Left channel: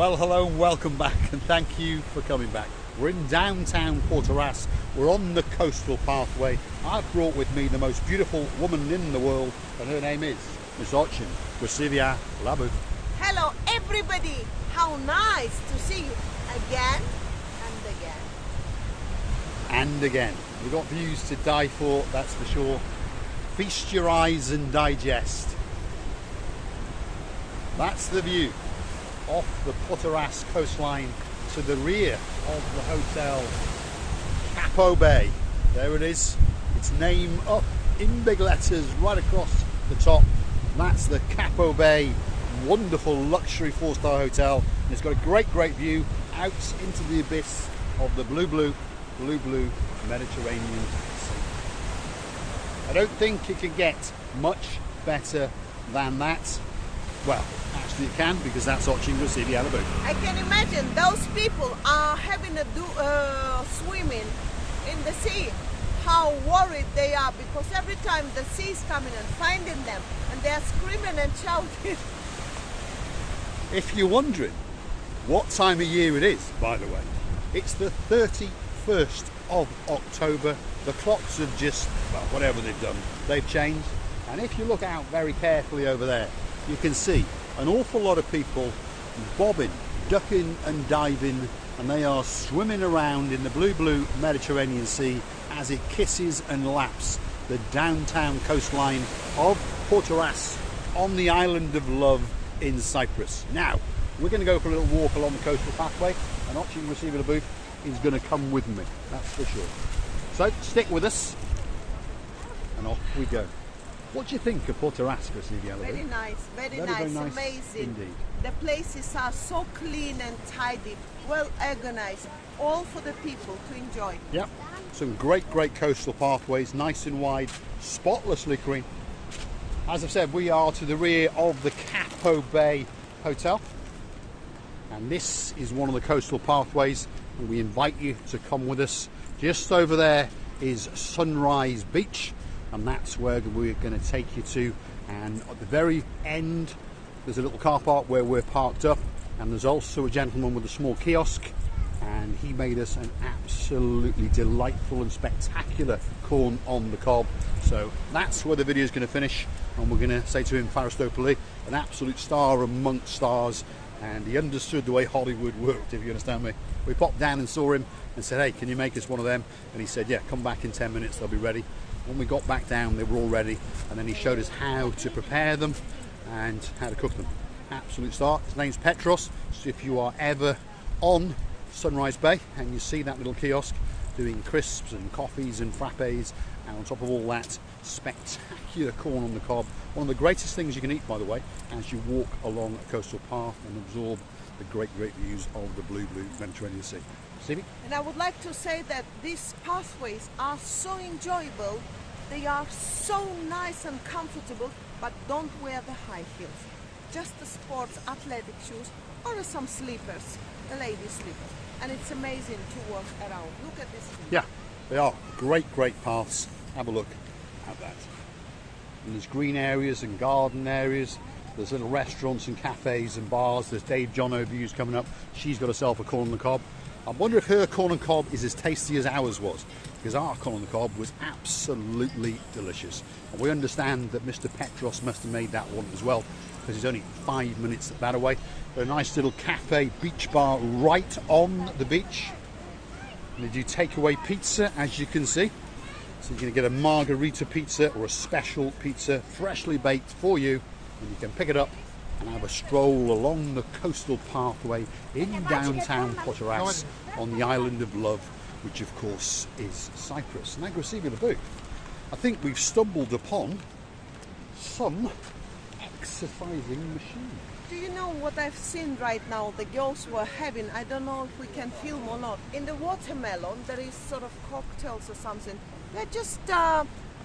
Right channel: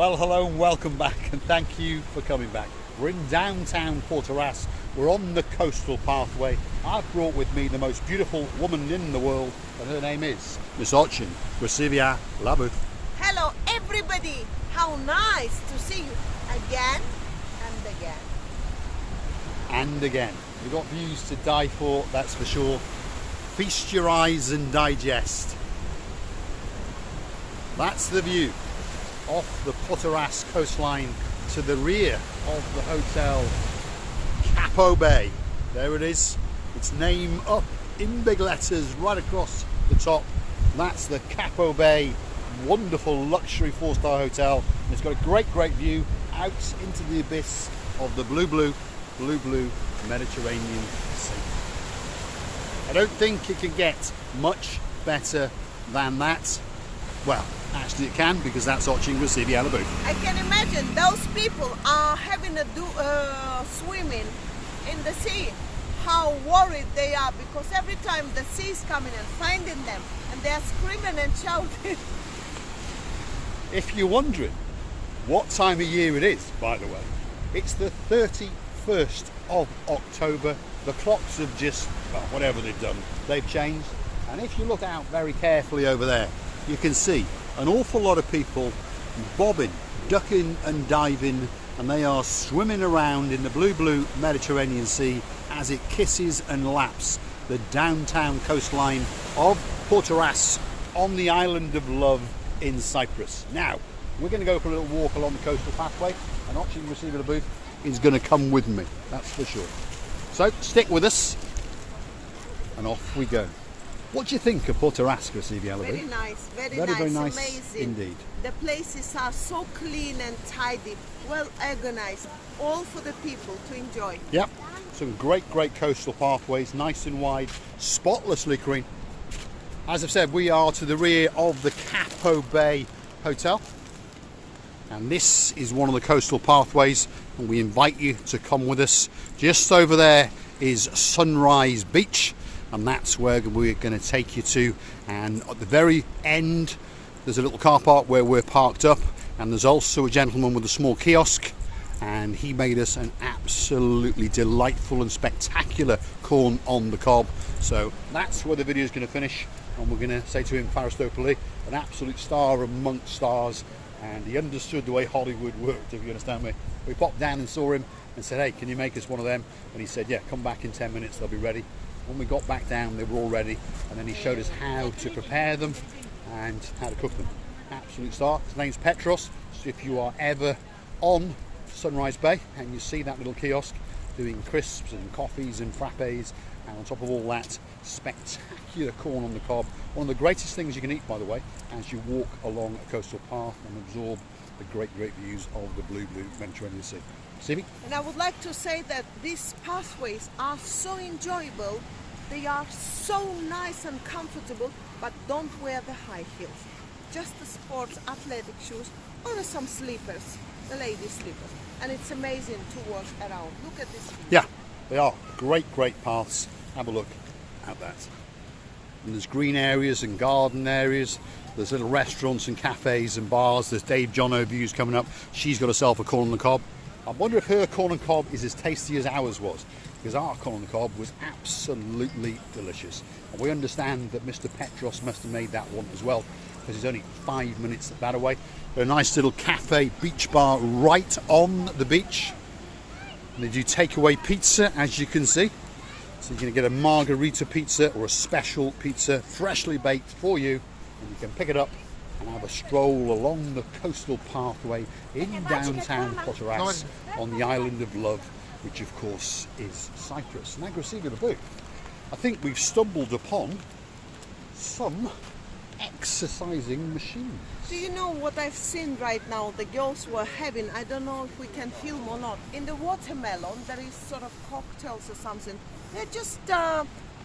Well, hello and welcome back, and thank you for coming back. We're in downtown Protaras. We're on the coastal pathway. I've brought with me the most beautiful woman in the world, and her name is Miss Ochin Gracivia Labu. Hello everybody, how nice to see you again and again. And again. We've got views to die for, that's for sure. Feast your eyes and digest. That's the view off the Protaras coastline to the rear of the hotel Capo Bay. There it is, its name up in big letters right across the top. That's the Capo Bay, wonderful luxury 4-star hotel, and it's got a great view out into the abyss of the blue Mediterranean Sea. I don't think it can get much better than that. Well, actually it can, because that's Ochin Gracivia Labu. I can imagine those people are having a swimming in the sea. How worried they are, because every time the sea is coming and finding them, and they are screaming and shouting. If you're wondering what time of year it is, by the way, it's the 31st of October. The clocks have just, well, whatever they've done, they've changed. And if you look out very carefully over there, you can see an awful lot of people bobbing, ducking and diving, and they are swimming around in the blue Mediterranean Sea as it kisses and laps the downtown coastline of Protaras on the island of love in Cyprus. Now, we're going to go for a little walk along the coastal pathway, and Ochin Gracivia Labu is going to come with me, that's for sure. So stick with us, and off we go. What do you think of Protaras, Gracivia Labu? Very nice, very nice, amazing. Indeed. The places are so clean and tidy, well organized, all for the people to enjoy. Yep, some great coastal pathways, nice and wide, spotlessly clean. As I've said, we are to the rear of the Capo Bay Hotel, and this is one of the coastal pathways, and we invite you to come with us. Just over there is Sunrise Beach, and that's where we're going to take you to. And at the very end there's a little car park where we're parked up, and there's also a gentleman with a small kiosk, and he made us an absolutely delightful and spectacular corn on the cob. So that's where the video is going to finish, and we're going to say to him, Faristopoli, an absolute star amongst stars, and he understood the way Hollywood worked, if you understand me. We popped down and saw him and said, hey, can you make us one of them? And he said, yeah, come back in 10 minutes, they'll be ready. When we got back down, they were all ready, and then he showed us how to prepare them and how to cook them. Absolute star. His name's Petros, so if you are ever on Sunrise Bay and you see that little kiosk doing crisps and coffees and frappes, and on top of all that, spectacular corn on the cob. One of the greatest things you can eat, by the way, as you walk along a coastal path and absorb the great views of the blue Mediterranean Sea. Stevie? And I would like to say that these pathways are so enjoyable, they are so nice and comfortable, but don't wear the high heels. Just the sports athletic shoes or some slippers, the ladies' slippers. And it's amazing to walk around. Look at this view. Yeah, they are great paths. Have a look at that. And there's green areas and garden areas. There's little restaurants and cafes and bars. There's Dave Jono views coming up. She's got herself a corn on the cob. I wonder if her corn on the cob is as tasty as ours was, because our corn on the cob was absolutely delicious. And we understand that Mr. Petros must have made that one as well, because he's only 5 minutes that away. A nice little cafe beach bar right on the beach. And they do takeaway pizza, as you can see. So you're going to get a margarita pizza or a special pizza, freshly baked for you, and you can pick it up and have a stroll along the coastal pathway in downtown Protaras on the island of love, which of course is Cyprus. Now, Gracivia Labu, I think we've stumbled upon some exercising machines. Do you know what I've seen right now? The girls were having, I don't know if we can film or not. In the watermelon, there is sort of cocktails or something. They're just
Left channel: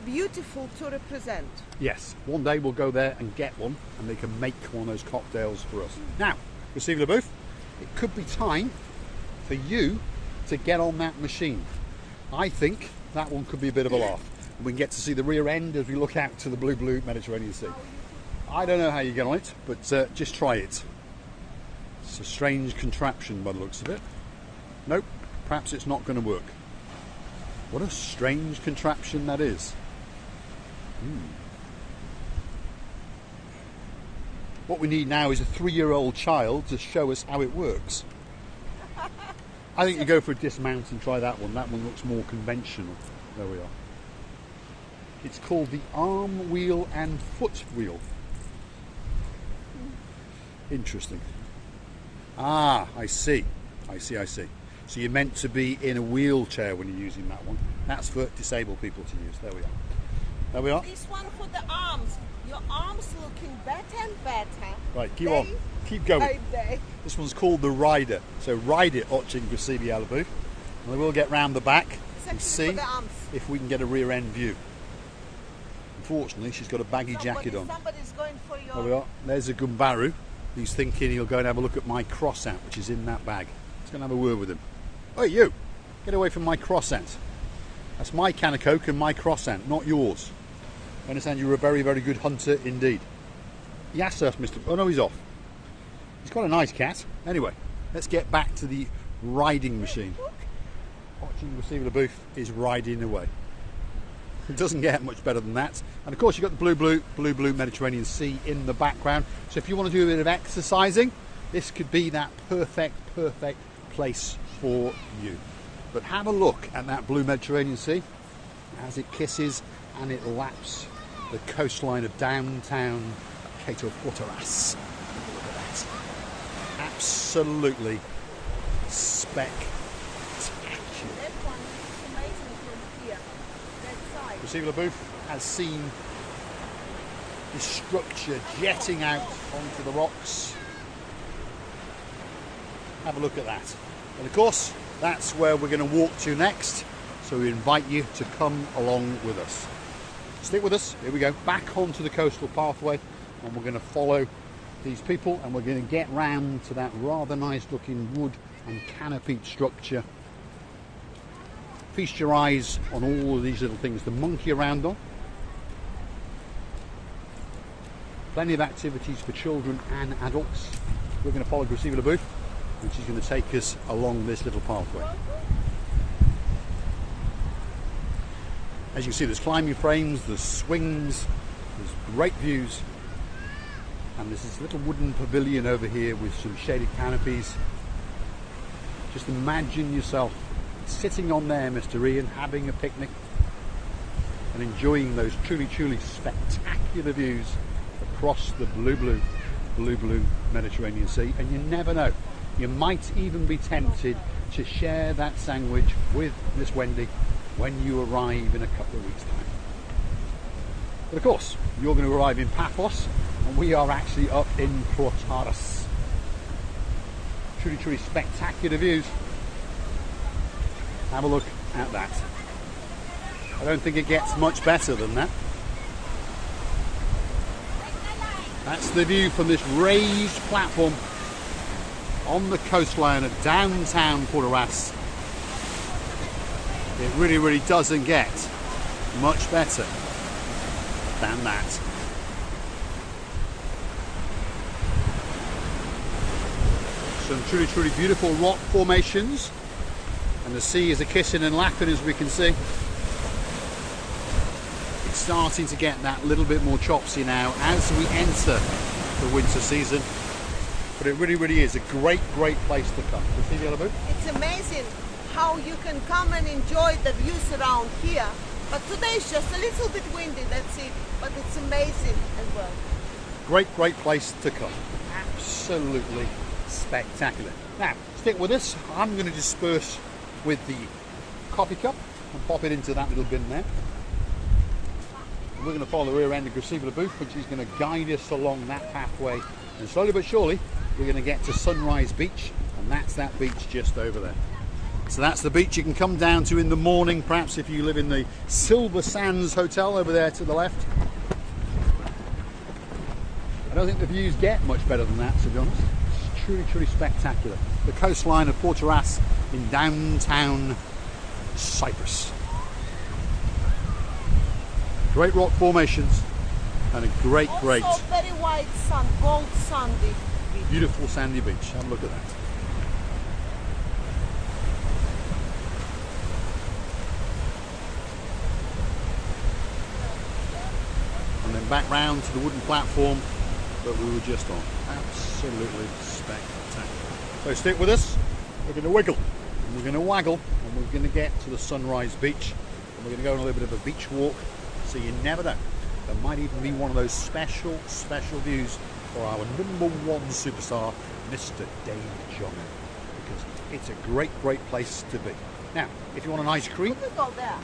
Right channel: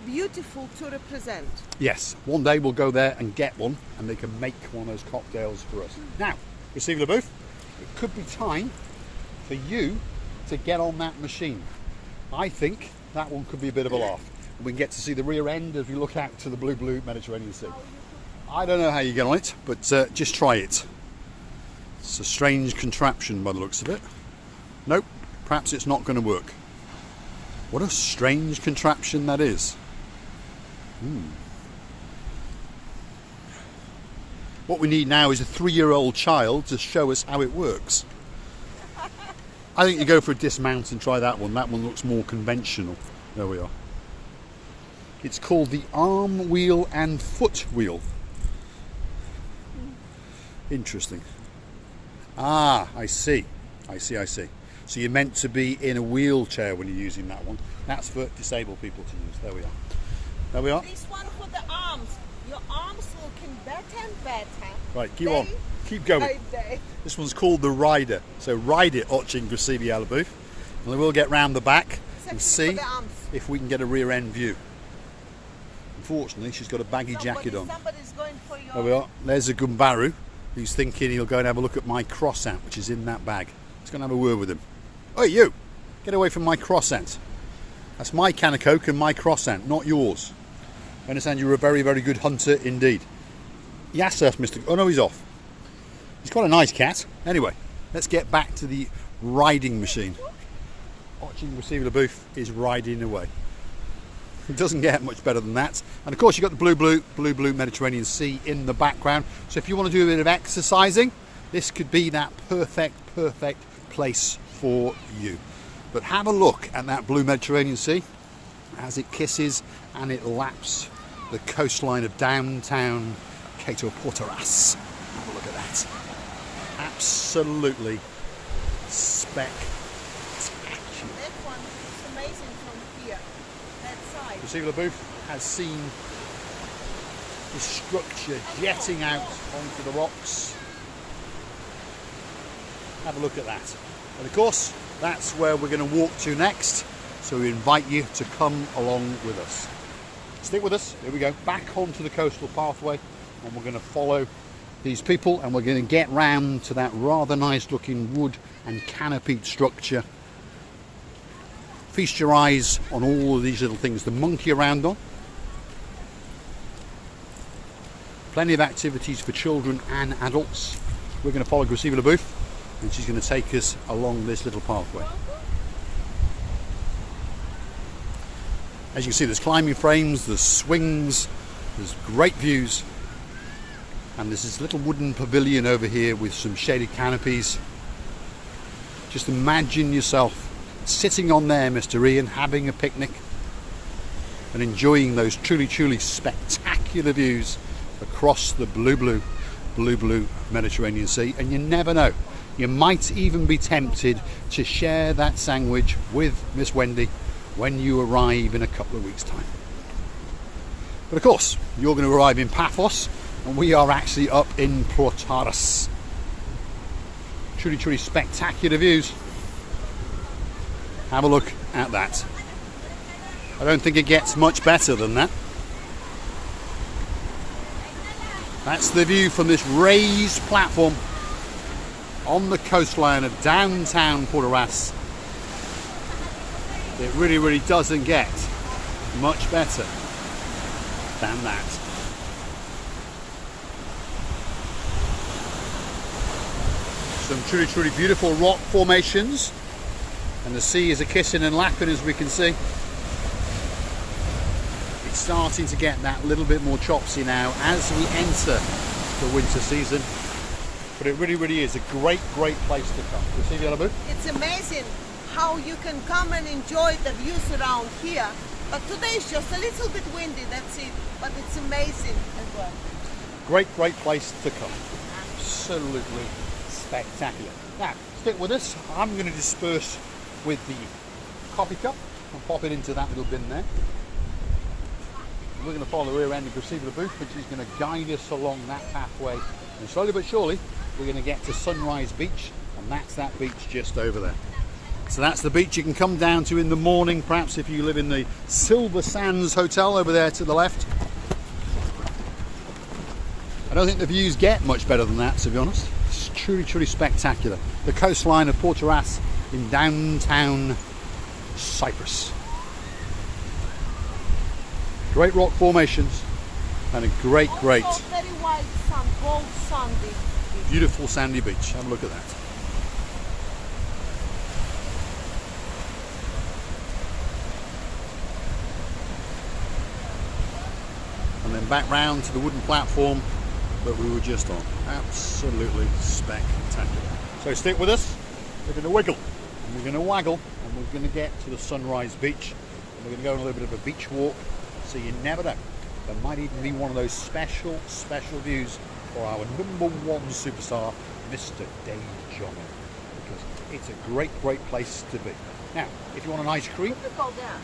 beautiful to represent. Yes, one day we'll go there and get one, and they can make one of those cocktails for us. Now, Gracivia Labu, it could be time for you to get on that machine. I think that one could be a bit of a laugh. We can get to see the rear end as we look out to the blue Mediterranean Sea. I don't know how you get on it, but just try it. It's a strange contraption by the looks of it. Nope, perhaps it's not going to work. What a strange contraption that is. What we need now is a 3-year-old child to show us how it works. I think you go for a dismount and try that one. That one looks more conventional. There we are. It's called the arm wheel and foot wheel. Interesting. Ah, I see. I see. So you're meant to be in a wheelchair when you're using that one. That's for disabled people to use. There we are. There we are. This one for the arms. Your arms looking better and better. Right, keep on. Keep going. This one's called the Rider. So ride it, Ochin Grasibi Alabooth. And then we'll get round the back and see if we can get a rear end view. Unfortunately, she's got a baggy jacket on. Somebody's going for your... There we are. There's a Gumbaru who's thinking he'll go and have a look at my croissant, which is in that bag. Just going to have a word with him. Hey, you! Get away from my croissant. That's my can of Coke and my croissant, not yours. I understand you're a very, very good hunter indeed. Yes, sir, Mr. Oh, no, he's off. He's got a nice cat. Anyway, let's get back to the riding machine. Watching Receiver the Booth is riding away. It doesn't get much better than that. And of course, you've got the blue Mediterranean Sea in the background. So if you want to do a bit of exercising, this could be that perfect place for you. But have a look at that blue Mediterranean Sea as it kisses and it laps the coastline of downtown Protaras. Look at that. Absolutely spectacular. That one is amazing from here. That side. Receiver Booth has seen this structure jetting out onto the rocks. Have a look at that. And of course, that's where we're going to walk to next. So we invite you to come along with us. Stick with us. Here we go. Back onto the coastal pathway. And we're going to follow these people. And we're going to get round to that rather nice looking wood and canopied structure. Feast your eyes on all of these little things to monkey around on. Plenty of activities for children and adults. We're going to follow Grasiva Booth, which is going to take us along this little pathway. As you can see, there's climbing frames, there's swings, there's great views, and there's this little wooden pavilion over here with some shaded canopies. Just imagine yourself sitting on there, Mr. Ian, having a picnic and enjoying those truly spectacular views across the blue Mediterranean Sea. And you never know, you might even be tempted to share that sandwich with Miss Wendy when you arrive in a couple of weeks' time. But of course, you're going to arrive in Paphos, and we are actually up in Protaras. Truly spectacular views. Have a look at that. I don't think it gets much better than that. That's the view from this raised platform on the coastline of downtown Protaras. It really doesn't get much better than that. Some truly beautiful rock formations, and the sea is a kissing and lapping, as we can see. It's starting to get that little bit more chopsy now as we enter the winter season, but it really is a great place to come. It's amazing how you can come and enjoy the views around here, but today is just a little bit windy, that's it, but it's amazing as well. Great place to come. Absolutely spectacular. Now, stick with us. I'm going to disperse with the coffee cup and pop it into that little bin there. We're going to follow the rear end of Grasiva Booth, which is going to guide us along that pathway, and slowly but surely we're going to get to Sunrise Beach, and that's that beach just over there. So that's the beach you can come down to in the morning, perhaps if you live in the Silver Sands Hotel over there to the left. I don't think the views get much better than that, to be honest. It's truly spectacular. The coastline of Protaras in downtown Cyprus. Great rock formations and a great Also very white sand, gold sandy. beautiful sandy beach. Have a look at that. And then back round to the wooden platform that we were just on. Absolutely spectacular. So stick with us. We're going to wiggle and we're going to waggle and we're going to get to the Sunrise Beach, and we're going to go on a little bit of a beach walk. So you never know, there might even be one of those special views for our #1 superstar, Mr. Dave Jono, because it's a great place to be. Now, if you want an ice cream, we can go there,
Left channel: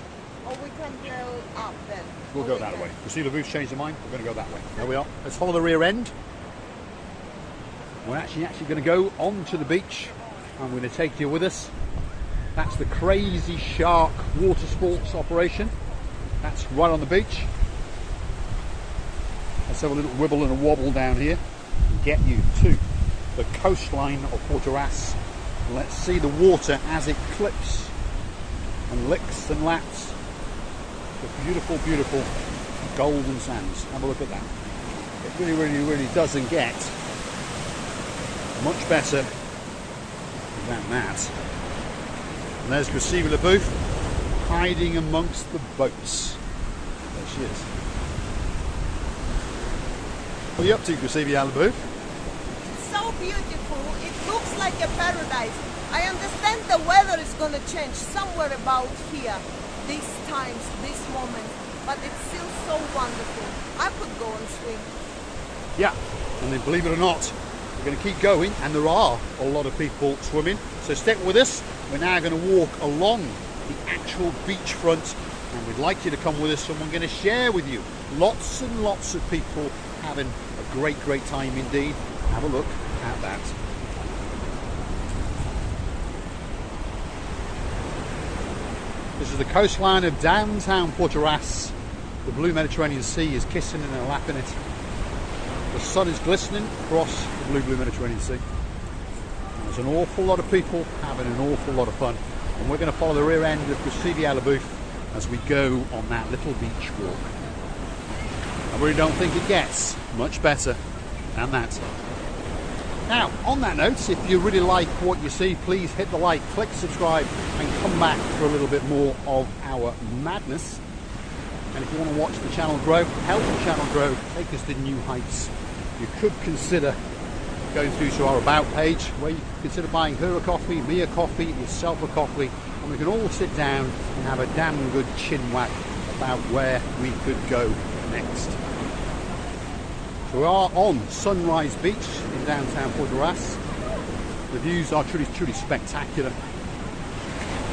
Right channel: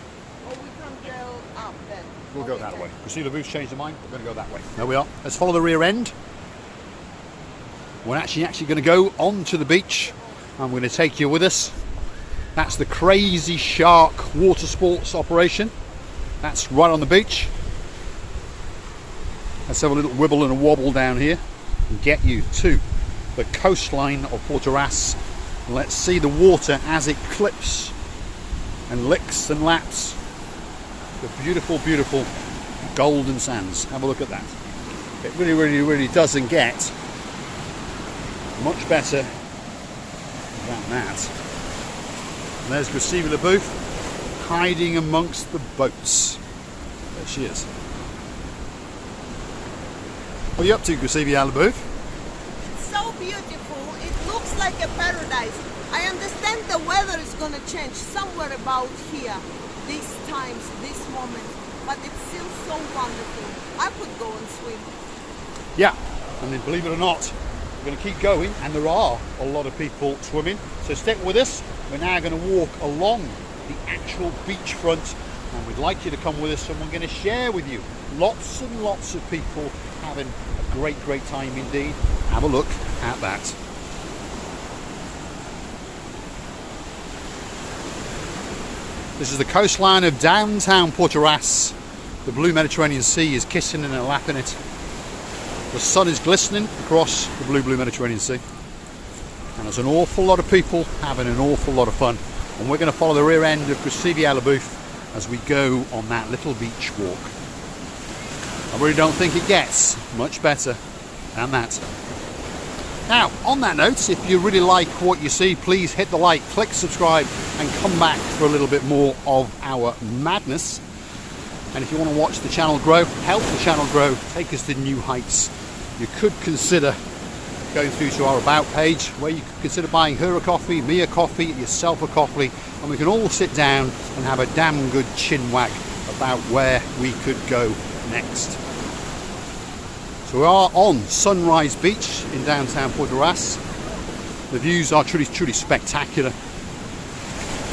or we can go up then. we'll go that way. Christina Booth's changed their mind. We're going to go that way. There we are. Let's follow the rear end. We're actually going to go onto the beach. I'm going to take you with us. That's the Crazy Shark water sports operation. That's right on the beach. Let's have a little wibble and a wobble down here and get you to the coastline of Protaras. Let's see the water as it clips and licks and laps the beautiful golden sands. Have a look at that. It really doesn't get much better than that. And there's Gussie LaBouffe hiding amongst the boats. There she is. What are you up to, Gussie LaBouffe? It's so beautiful. It looks like a paradise. I understand the weather is going to change somewhere about here, these times, this moment, but it's still so wonderful. I could go and swim. Yeah, and then believe it or not, we're going to keep going, and there are a lot of people swimming. So stick with us. We're now going to walk along the actual beachfront, and we'd like you to come with us, and we're going to share with you lots and lots of people having a great time indeed. Have a look at that. This is the coastline of downtown Protaras. The blue Mediterranean Sea is kissing and lapping it. The sun is glistening across the blue Mediterranean Sea. And there's an awful lot of people having an awful lot of fun. And we're going to follow the rear end of Gussie LaBouffe as we go on that little beach walk. I really don't think it gets much better than that. Now, on that note, if you really like what you see, please hit the like, click subscribe, and come back for a little bit more of our madness. And if you want to watch the channel grow, help the channel grow, take us to new heights, you could consider going through to our About page, where you could consider buying her a coffee, me a coffee, yourself a coffee, and we can all sit down and have a damn good chin wag about where we could go next. So we are on Sunrise Beach in downtown Protaras. The views are truly spectacular.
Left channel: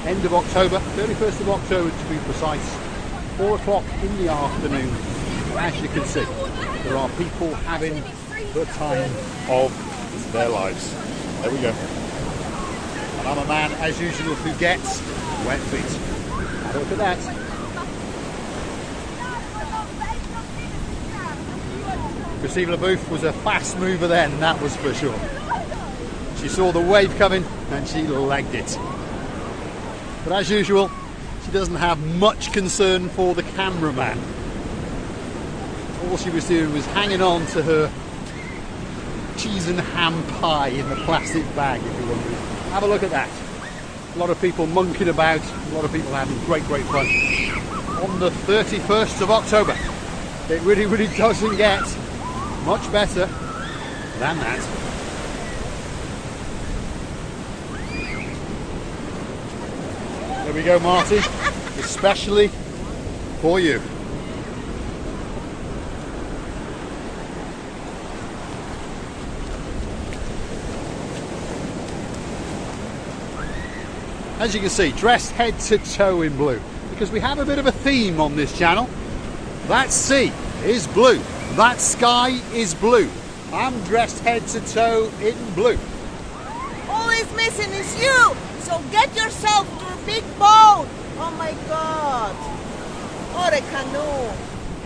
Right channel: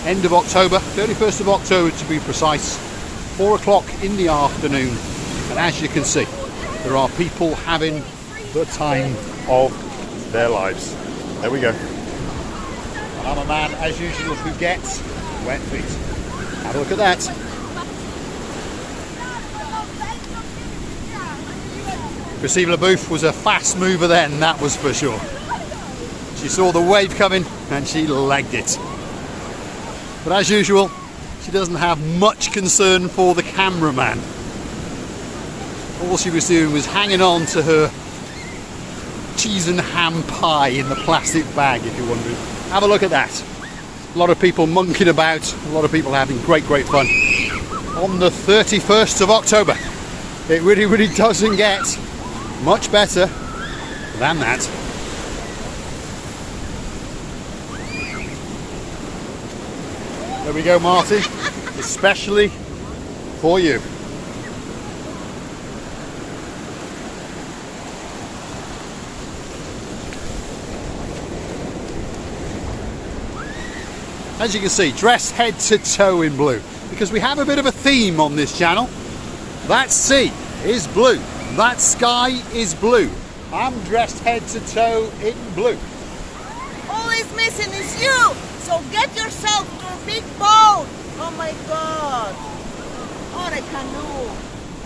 End of October, 31st of October to be precise, 4 o'clock in the afternoon, and as you can see, there are people having the time of their lives. There we go. And I'm a man, as usual, who gets wet feet. Have a look at that. Gussie LaBouffe was a fast mover then, that was for sure. She saw the wave coming and she legged it. But as usual, she doesn't have much concern for the cameraman. All she was doing was hanging on to her cheese and ham pie in the plastic bag, if you're wondering. Have a look at that. A lot of people monkeying about, a lot of people having great fun. On the 31st of October. It really doesn't get much better than that. There we go, Marty, especially for you. As you can see, dressed head to toe in blue, because we have a bit of a theme on this channel. That sea is blue, that sky is blue. I'm dressed head to toe in blue. All is missing is you, so get yourself to a big boat. Oh my God, or a canoe,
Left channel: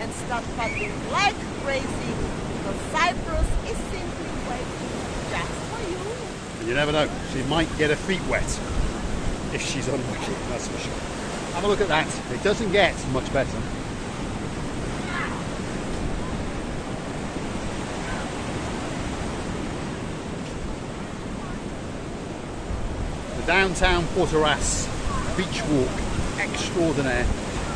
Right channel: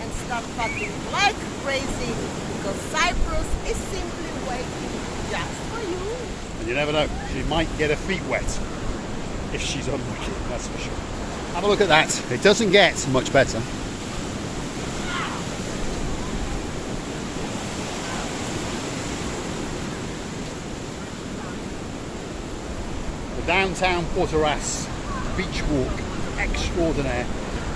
and start paddling like crazy, because Cyprus is simply waiting just for you. And you never know, she might get her feet wet if she's unlucky, that's for sure. Have a look at that. It doesn't get much better. downtown Protaras beach walk extraordinaire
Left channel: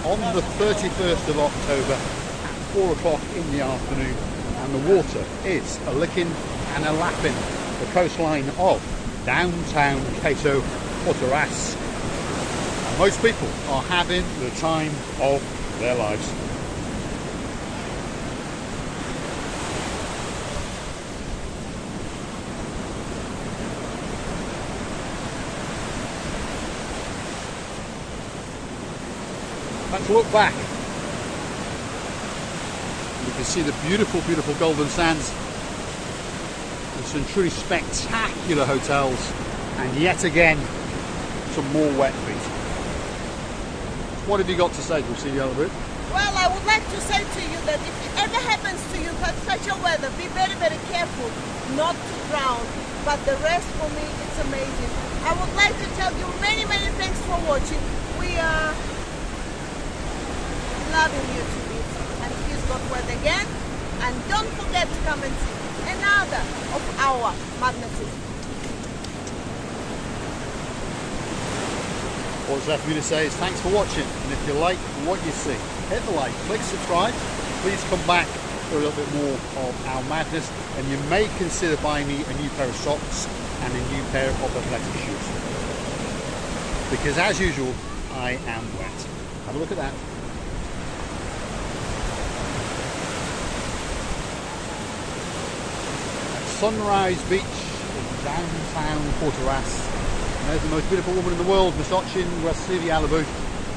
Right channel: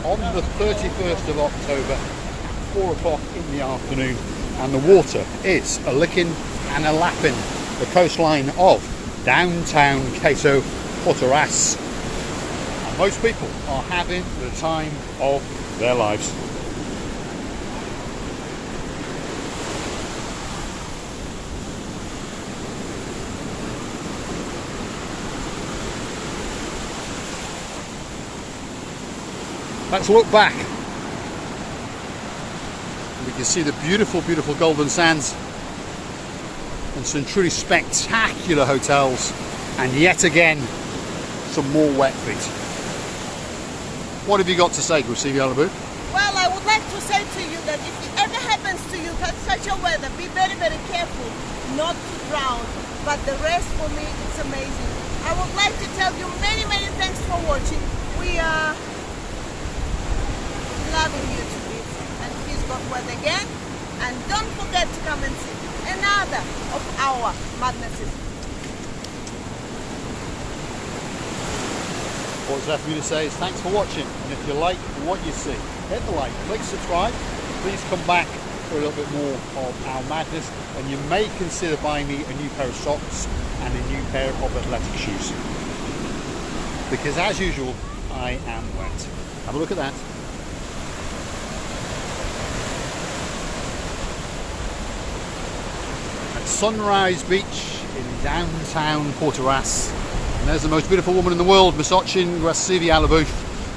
on the 31st of October at 4 o'clock in the afternoon, and the water is a licking and a lapping the coastline of downtown Queso Protaras, and most people are having the time of their lives. Let's look back. You can see the beautiful, beautiful golden sands and some truly spectacular hotels, and yet again some more wet feet. What have you got to say, Silvia Alabu? Well, I would like to say to you that if it ever happens to you for such a weather, be very, very careful not to drown. But the rest, for me, it's amazing. I would like to tell you many, many thanks for watching. We are loving you to bits, and he's got wet again. And don't forget to come and see another of our madnesses. What's left for me to say is thanks for watching, and if you like what you see, hit the like, click subscribe. Please come back for a little bit more of our madness, and you may consider buying me a new pair of socks and a new pair of athletic shoes, because as usual I am wet. Have a look at that. Sunrise Beach in downtown Protaras. And there's the most beautiful woman in the world, Misochin Silvia Alabu,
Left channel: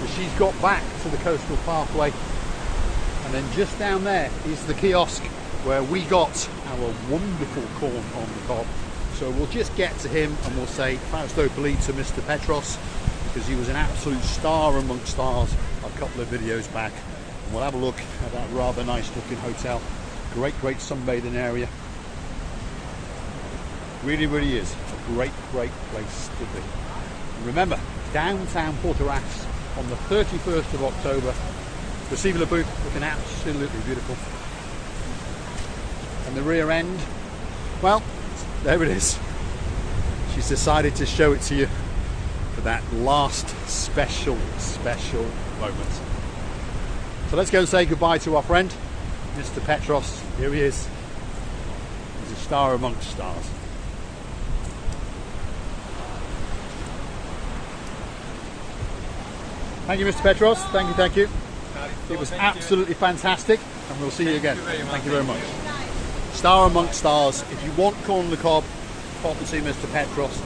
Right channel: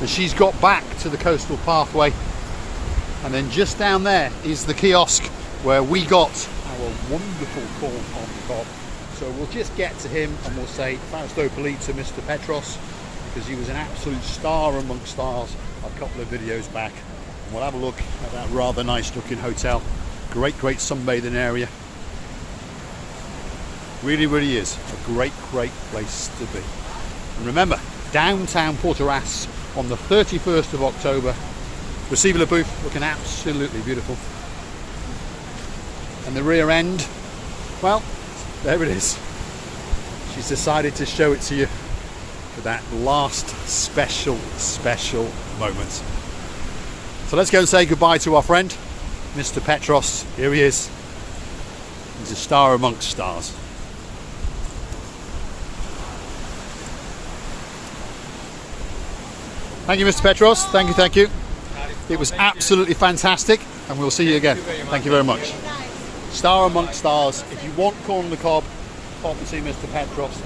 and she's got back to the coastal pathway. And then just down there is the kiosk where we got our wonderful corn on the cob. So we'll just get to him and we'll say Fausto Polite to Mr. Petros, because he was an absolute star amongst stars a couple of videos back. And we'll have a look at that rather nice looking hotel. Great sunbathing area. Really, really is a great place to be. And remember, downtown Protaras on the 31st of October. Silvia Alabu looking absolutely beautiful. And the rear end, well, there it is. She's decided to show it to you for that last special moment. So let's go and say goodbye to our friend, Mr. Petros. Here he is. He's a star amongst stars. Thank you, Mr. Petros. Thank you. It was absolutely fantastic, and we'll see you again. Thank you very much. Star amongst stars. If you want corn on the cob, pop and see Mr. Petros.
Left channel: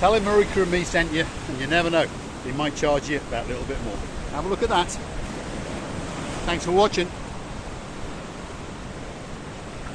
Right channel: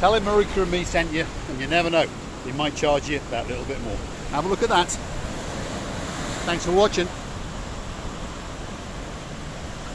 Tell him Marika and me sent you, and you never know, he might charge you that little bit more. Have a look at that. Thanks for watching.